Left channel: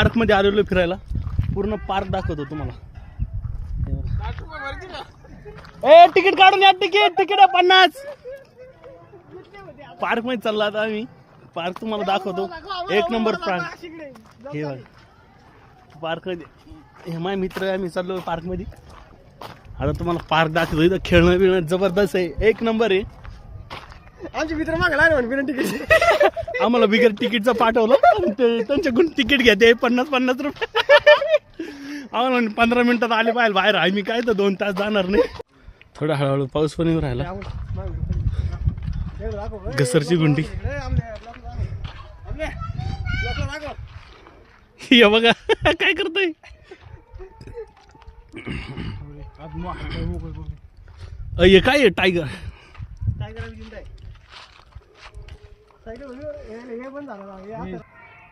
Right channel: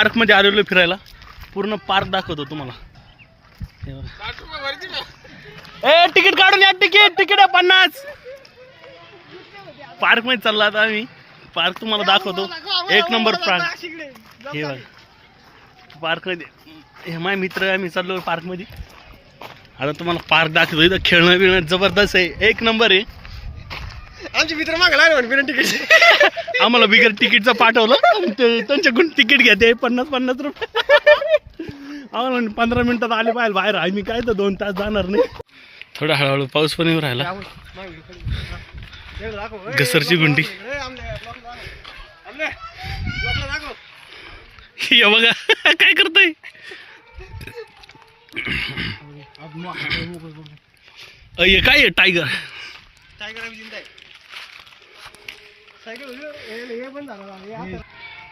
Park मध्ये आलेलो फिरायला. पूर्ण पार्क दाखवतो तुम्हाला. ए तिकीट काढून या. तिकीट आहे 50. पार्क मध्ये चालला आता आम्ही. पार्क तुम्हाला दाखवतो. एक नंबर पार्क हे बघा. पार्क मध्ये हे माझे मित्र आम्ही चाललो पार्क मध्ये. आता तुम्हाला पार्क दाखवतो. इथं खेळणं बिळणं जबरदस्त आहे. एक नंबर आहे. आमचे मित्र मागला बिना तिकीट. आम्हाला बिगर तिकीटचं पाठवलं. त्यांच्याकडून तिकीट घेते 50 रुपये. आम्हाला 15 मिनिटात आले पाहिजे बाहेर. आम्ही काय तर 2 तास जाणार नाही. थोडा हळूहळू पाऊस पण येऊ राहिला. घसरची गुंडी हे बघा काय करतोय. काय आहे टायगर.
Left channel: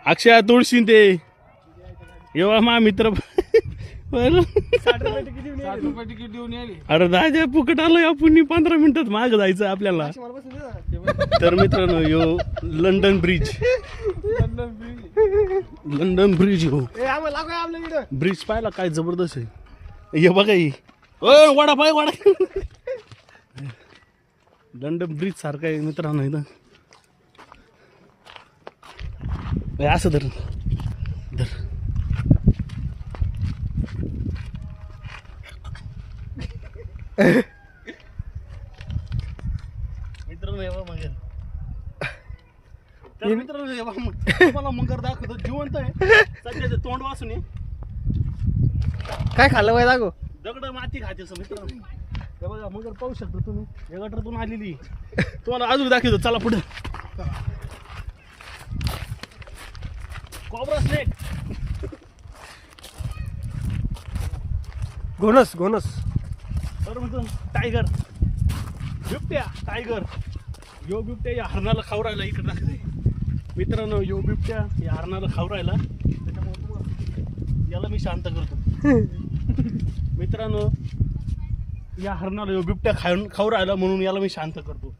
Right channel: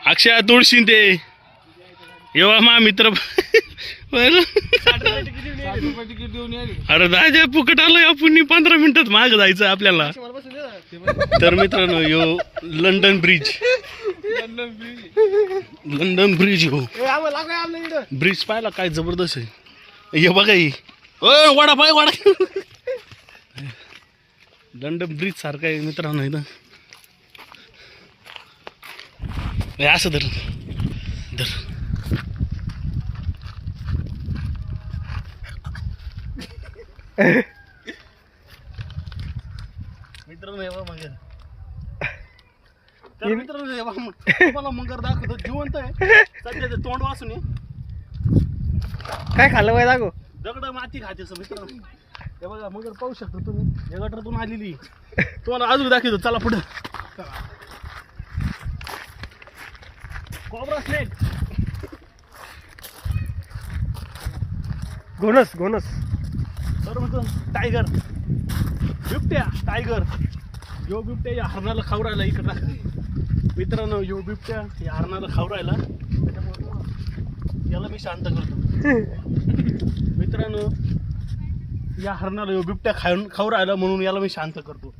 अक्षय तुळशी ते येवा मा मित्र. अरे राजा फुकट आलोय आपण. 15 मिनिटात माग जायचं आपल्याला. तर मित्रांनो यो लंडन ब्रिज. लंडन ब्रिज हो. ब्रिज पाहिला काय जबरदस्त आहे. हे बघा ही वडा पाय वडा. लंडन ब्रिज सारखा आहे मित्रांनो इथं. असं धर धर. मित्रांनो येवा मगर. तर मित्रांनो येवा तुम्हाला मगर दाखवतो. जिवंत आहे सध्या. तोंड वासून आहे. काय खाल्लं पाहिजे दाखव. दगड माती खाते मित्रांनो. हे बघा मगर पाहू शकता तुम्ही. या गटारातून आलेली. तुम्हाला अजून दाखवतो. चला पुढं. Cobra snake. घोणस बरं म्हणतो. टायगर बिबट्या. टायगर यो बिबट्या या हरणाला खाऊ राहिला इकडं. मित्रांनो यो बिबट्या या हरणाला खाऊ राहिला. त्याच्यामुळे याला मी शांत करतो. मित्रांनो या हरणाला यो बिबट्या खाऊ राहिला म्हणून याला मी शांत करतो.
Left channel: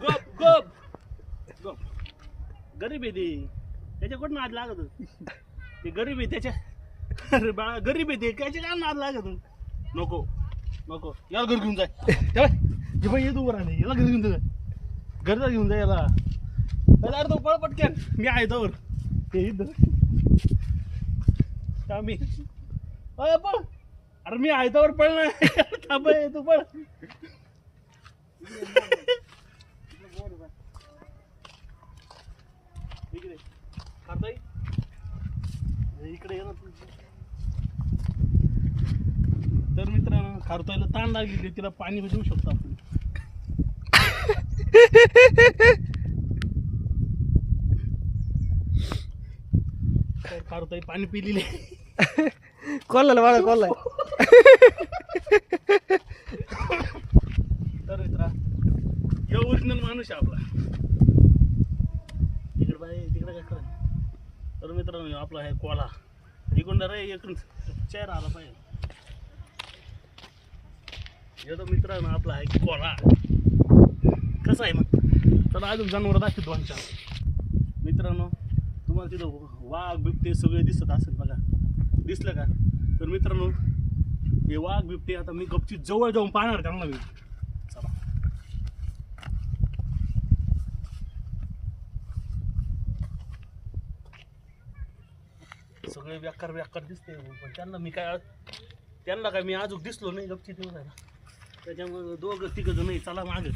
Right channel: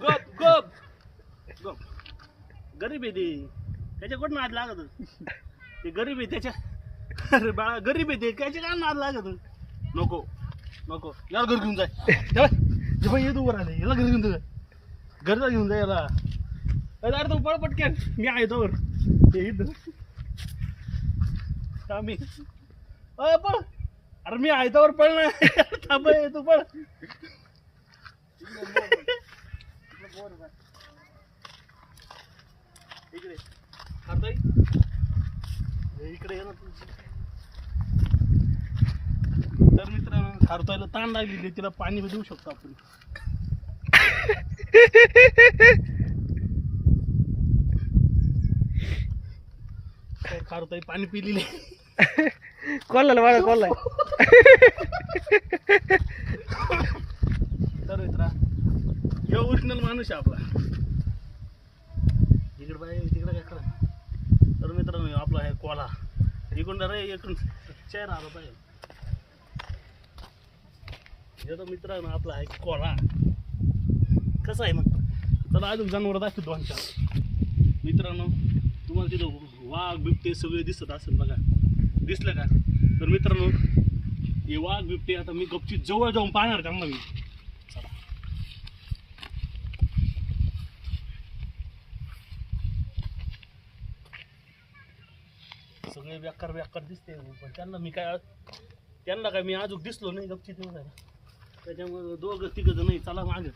गप गप गप. गरीब आहे ते. त्याच्याकडून नाद लागत. ते गरीब आहे त्याच्या. अरे बाळा गरीब आहे ते. त्याच्या काय नाद लागत. नको नको. याला घर घेऊन जाय. जेव्हा येतो वर आले याला घर घेऊन जाय. घरचा घेऊन जाय याला. अरे तो पळ पटक्यान. मी आहे तोवर. ते इथं मी पळ. अरे मी आहे तोवर पळ ना. थांब तू पळ. इकडे इकडे ये ना. तर मित्रांनो खारतोयला ताण लागली. तिला पाणी देऊ शकतो आपण. खारतोय पाणी पिलेले. कोणाला वाढ कोणाला. तर मित्रा हे ओरिजिनल माणूस आहे आपला. तिकडे बाय तिकडे काय करा. तर मित्रांनो आपला आहे कोला. इकडून रे इकडून चेहरा आला पाहिजे. हे तर मित्रांनो आपला आहे कोला. कसं आहे मग. चला अजून जनावर दाखवतो आमच्या. मित्रांनो तुम्हाला तिथं वाघ बिबटे सगळे दिसत असेल बघा. दिसलं का. तर मित्रांनो हे वाघ बिबटे आता मी गपचीत जवळ जाऊन पाहणार त्यांना मी. चला सगळे व्याकार दिसते. पण त्यांना काय मी अजून दिसलो नाही गपचीत येऊन जायला. त्याच्यामुळे 2-3 जण नाही. चला मागे.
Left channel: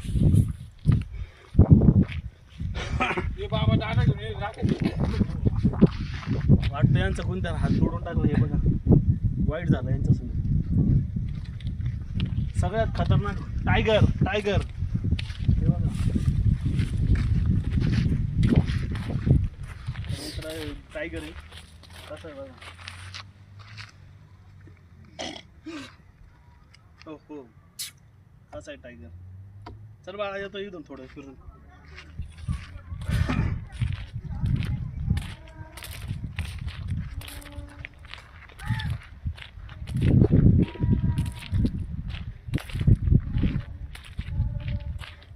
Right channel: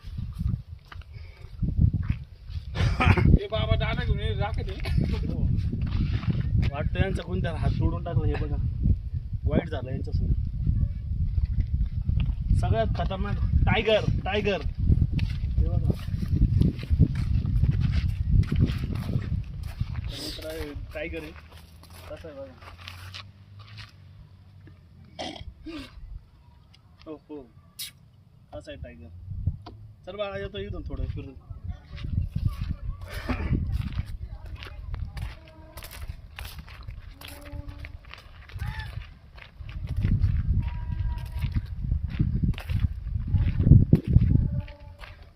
वाटतं यांचा कोणत्या हात तोडून टाकला. हे बघा वाईट झालं यांच्यासमोर. सगळ्यात खतरनाक टायगर. हे बघा टायगर आहे. कसं आहे बघा. हो असा आहे टायगर. चल बाळा येतो इथून थोडं फिरून.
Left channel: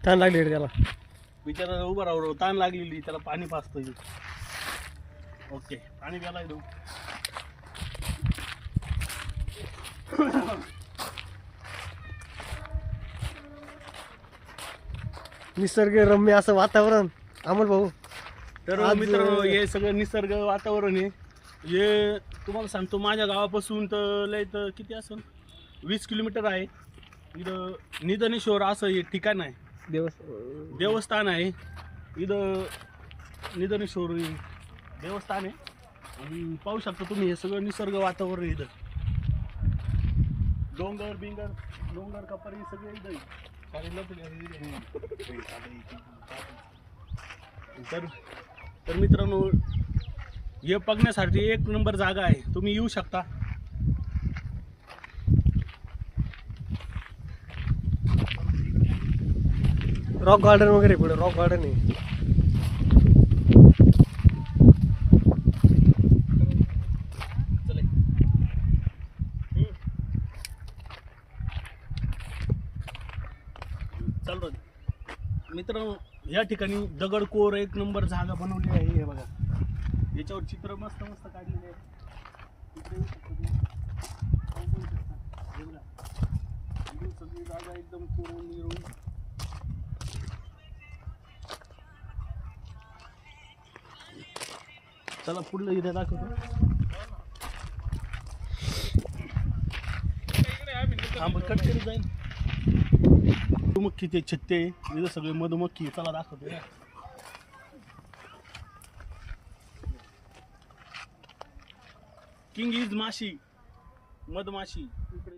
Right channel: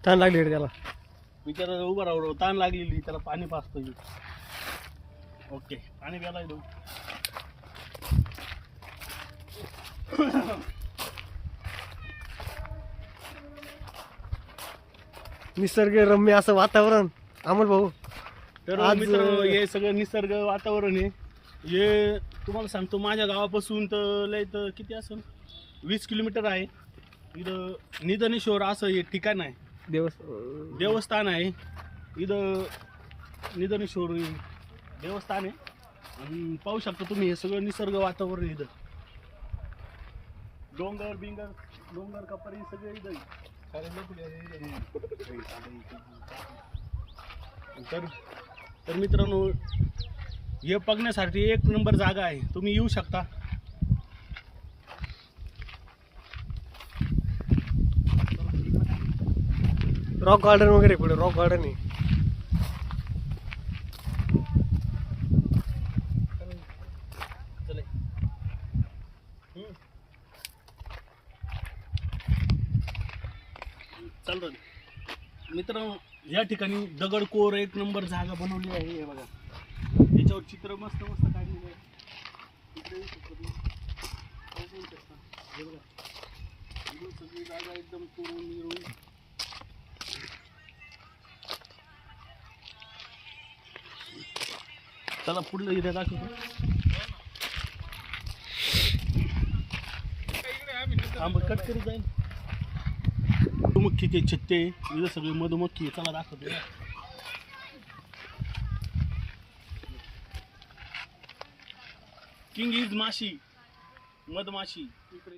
ताण लागली रे त्याला. बिचारा उभा राहू ताण लागलेली त्याला पाणी पाजतोय. ओके पाणी प्यायला देऊ. निसर्गरम्य असं वातावरण अमोल भाऊ. तर आज- मित्रांनो हे सगळं निसर्ग वातावरण आहे. हे तुम्हाला सांगतो माझ्या गावापासून तर लय तर किती असेल 20 किलोमीटर आहे. इथं निधनेश्वर असं हे ठिकाण आहे, देवस्थान आहे. इथं निधनेश्वर देवस्थान आहे. आणि पाहू शकता तुम्ही हे सगळं निसर्ग वातावरण आहे. इथं डोंगर बिंगर डोंगर कपारी सगळे इथं आहे. तर तर मित्रांनो हे बघण्यासाठी एक नंबर जागा आहे, तुम्ही येऊ शकता. रॉक गार्डन वगैरे पुढे रॉक गार्डन आहे. चालतं मित्रांनो या ठिकाणी दगडकोर एक नंबर जागा बनवली आहे. हे बघा याच्यावर चित्र मस्त मस्त काढलेले आहे. इकडे येऊ शकता तुम्ही. पाहू शकता. हे बघा इकडून सगळी जागा एकदम कोरून मिळून चला पुढलं इथे दाखवतो. कट करी जाईल. मधुमक्खीचे छत्ते इथं सगळे मधुमक्खी चला दाखवतो. किंग इज माशी मधमाशी.